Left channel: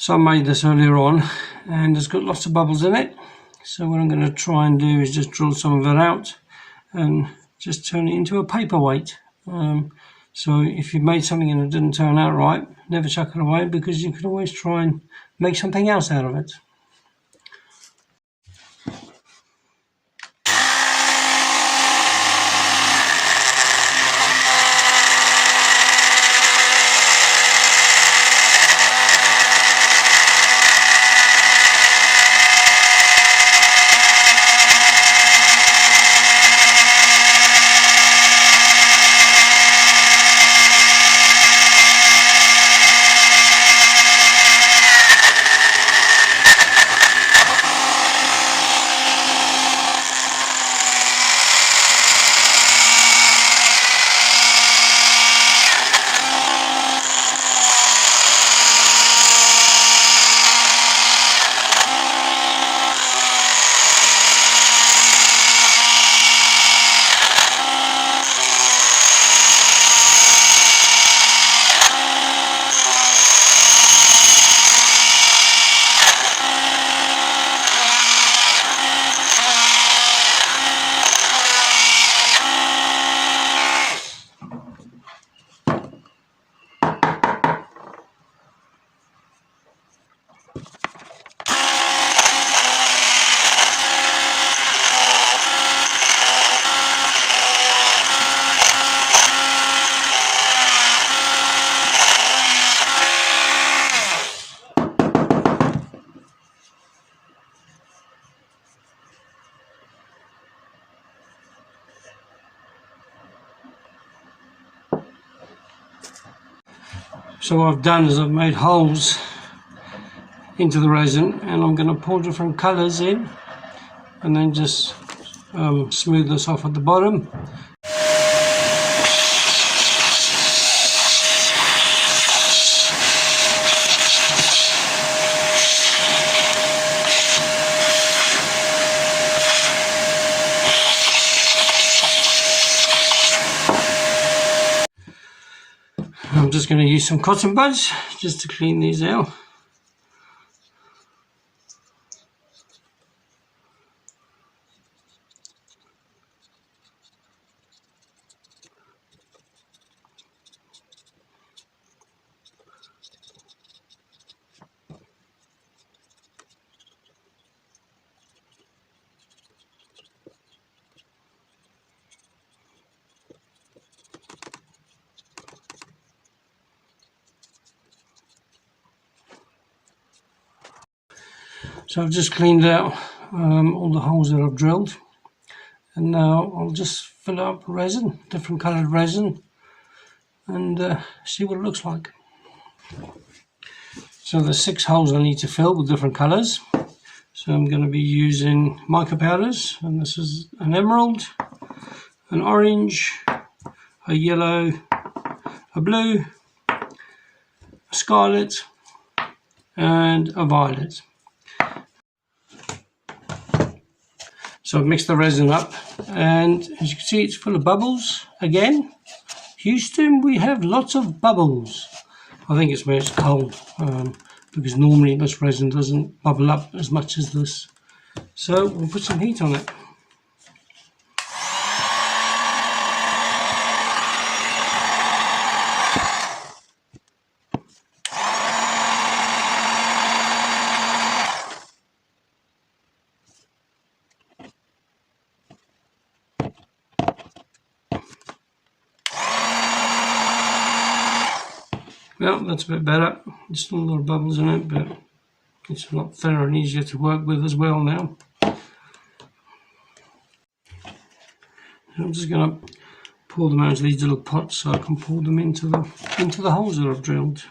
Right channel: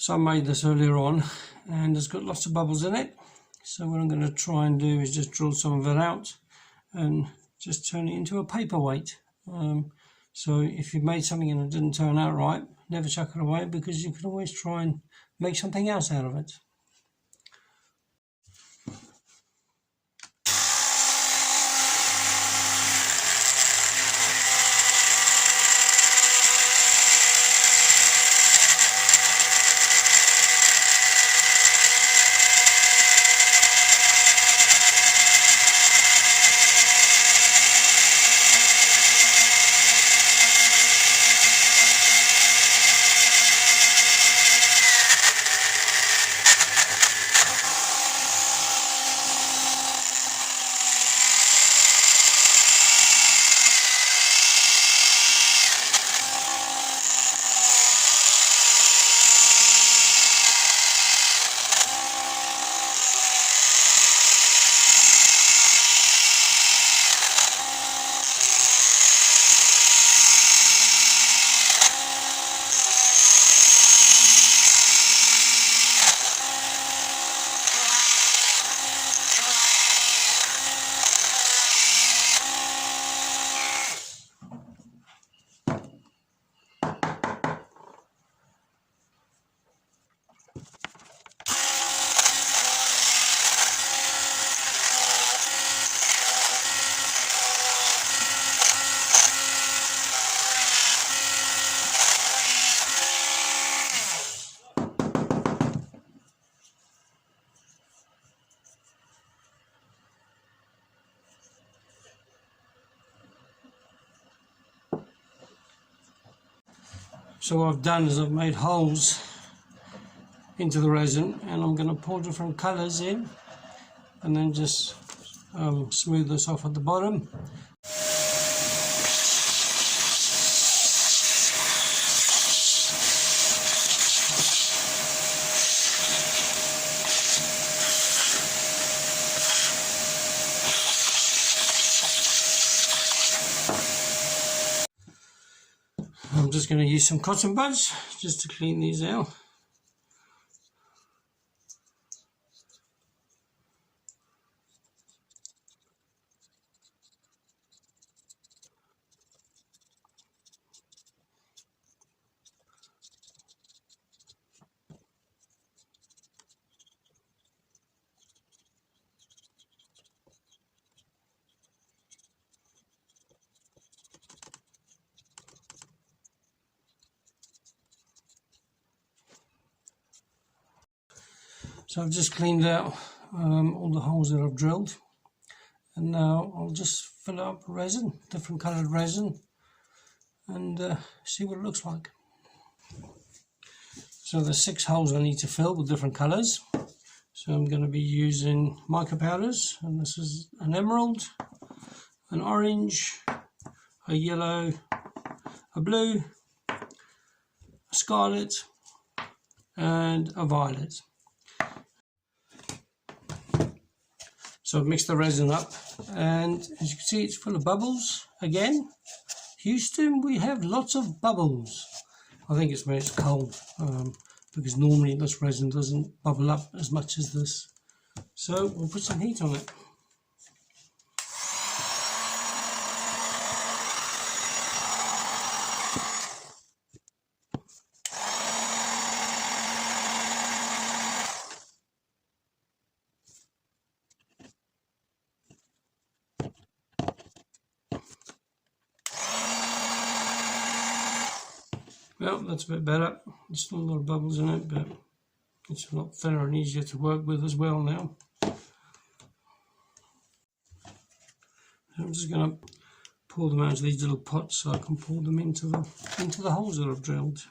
So I made this earlier on and it's got lots of bubbles in it. So what I'm going to try and do is just drill some of it out and just turn it into a paperweight. So if you made something and it didn't turn out right, never chuck it away, because you can always try and make something else out of it. So what I've done is I've made holes into the resin, and I'm going to pour different colours in and then just smooth this off at the bottom. I'm just going to use some cotton buds just to clean these out. So I've just cleaned out all the holes that I've drilled, and now I'll just fill up resin, different coloured resin, and see what it looks like. So there's 6 holes I need to fill with different colours. So I'm going to be using mica powders, and this is an emerald, an orange, a yellow, a blue, a scarlet, and a violet. So I've mixed the resin up, and as you can see, it's full of bubbles again. Houston, we have lots of bubbles. I think it's where it's cold, because normally this resin doesn't bubble up as much as this. So we'll put some heat on it. Well, that's a bit better. There's still a lot of bubbles in it, but it's a lot thinner and easier to work with as well now. So I'm just going to pour them out into these little pots so I can pour them into the holes that I've drilled.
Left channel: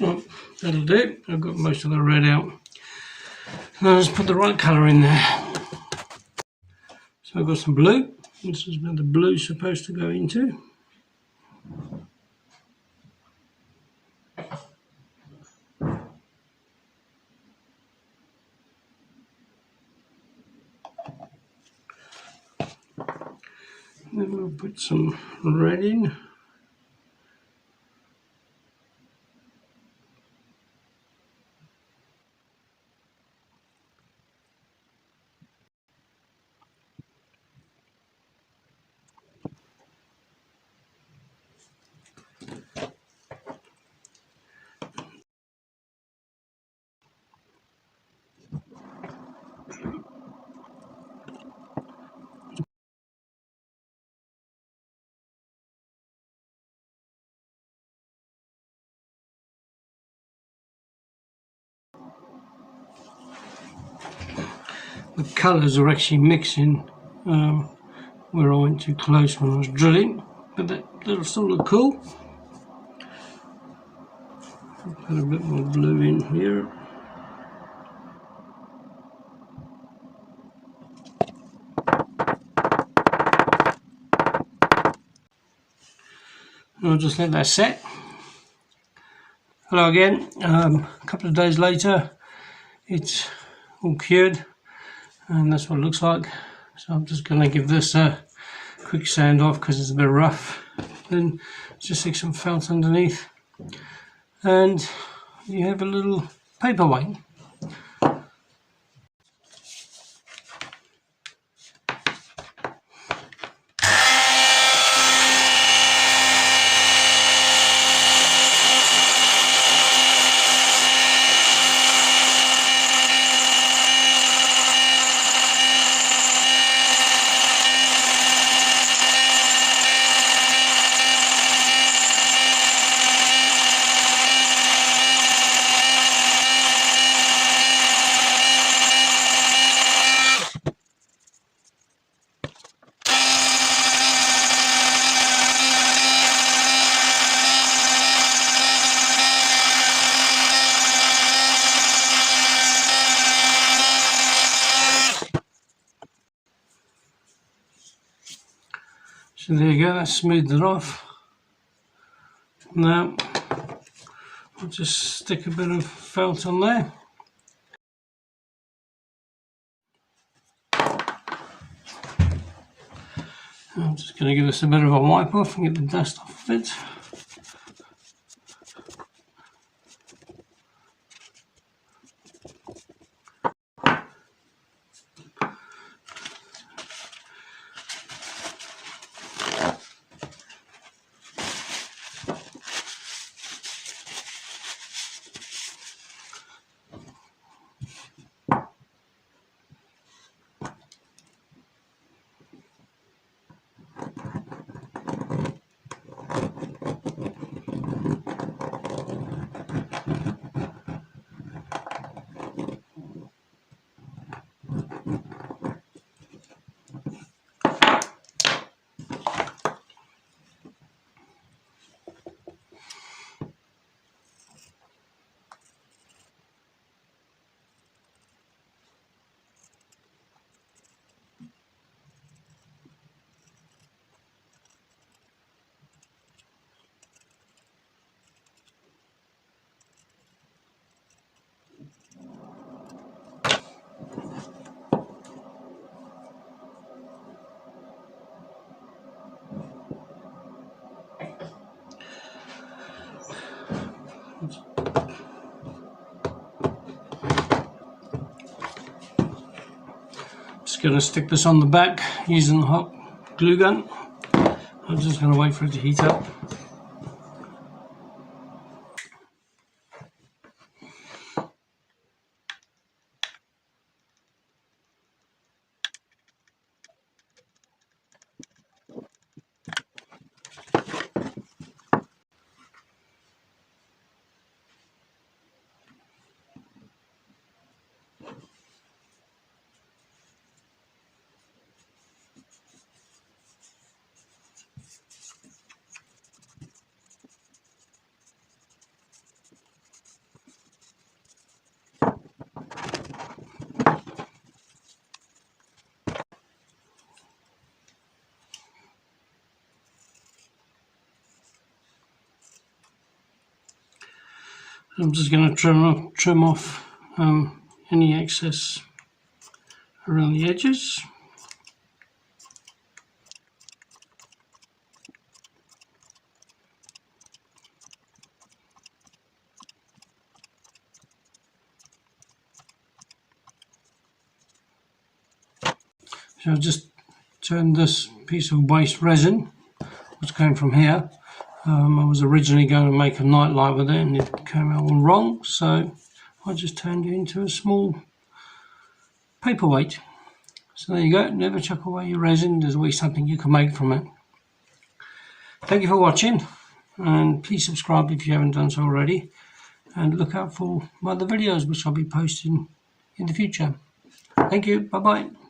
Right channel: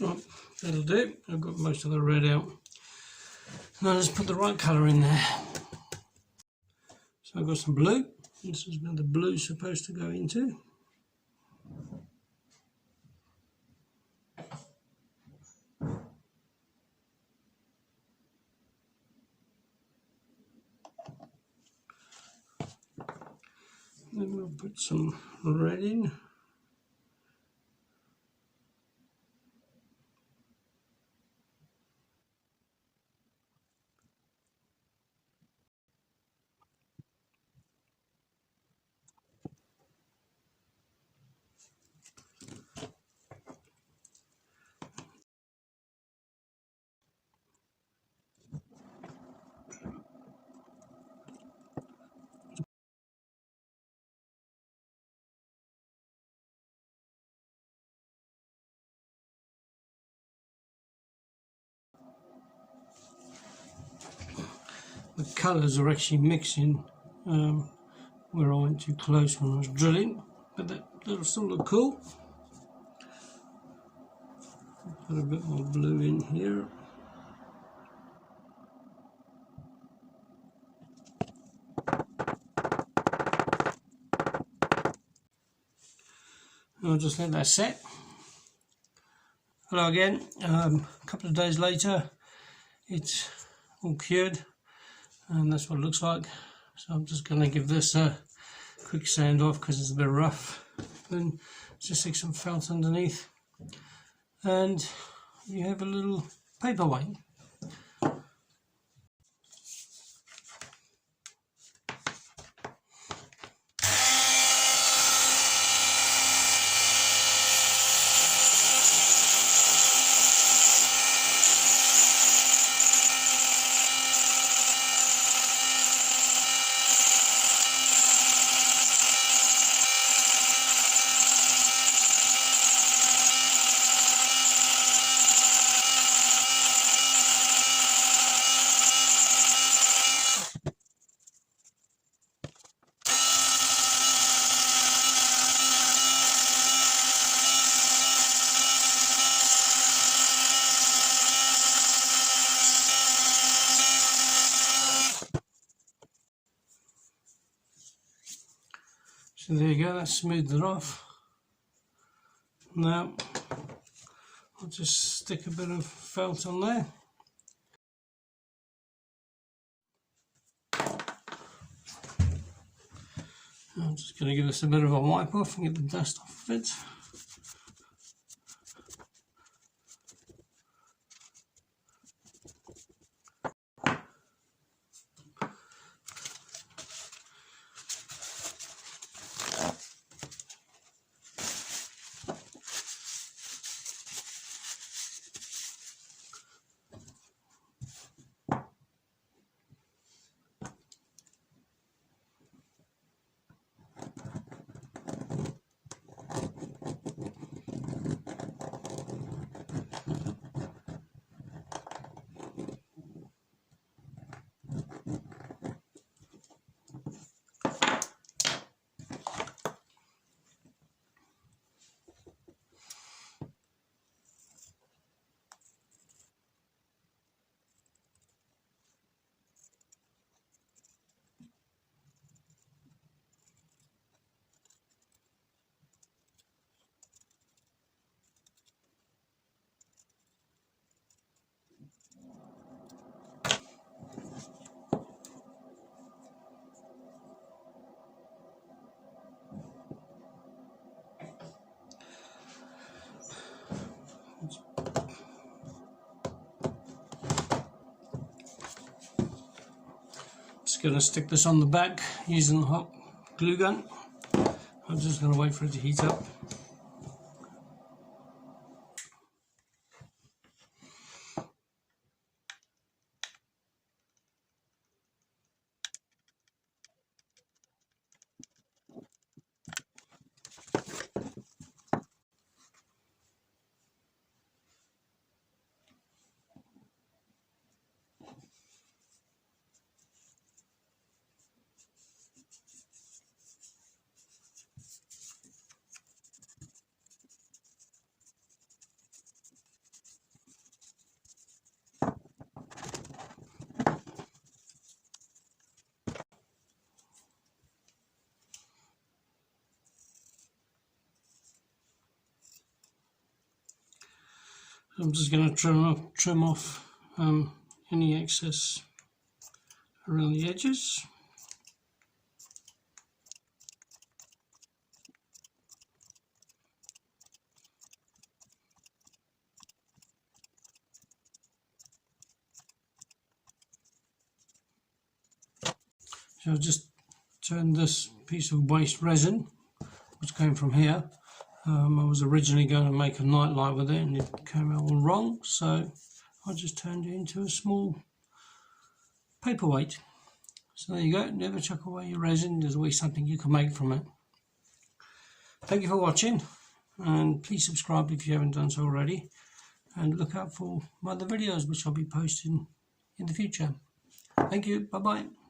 Right, that'll do. I've got most of the red out. Now let's put the right colour in there. So I've got some blue. This is where the blue's supposed to go into. Then we'll put some red in. The colours are actually mixing where I went too close when I was drilling, but that'll still look cool. Put a bit more blue in here. I'll just let that set. Hello again. A couple of days later, it's all cured, and that's what it looks like. So I'm just going to give this a quick sand off because it's a bit rough. Then just stick some felt underneath, and you have a little paperweight. So there you go, that's smoothed it off. Now I'll just stick a bit of felt on there. I'm just going to give this a bit of a wipe off and get the dust off of it. Just going to stick this on the back using the hot glue gun. I'm just going to wait for it to heat up. I'm just going to trim off any excess around the edges. So I've just turned this piece of waste resin, which came from here. I was originally going to make a nightlight with it and it came out all wrong, so I just turned it into a small paperweight. So there you go, never chuck away your resin, there's always something you can make from it. Thank you for watching, and please subscribe if you haven't done so already, and look out for my other videos which I'll be posting in the future. Thank you, bye bye.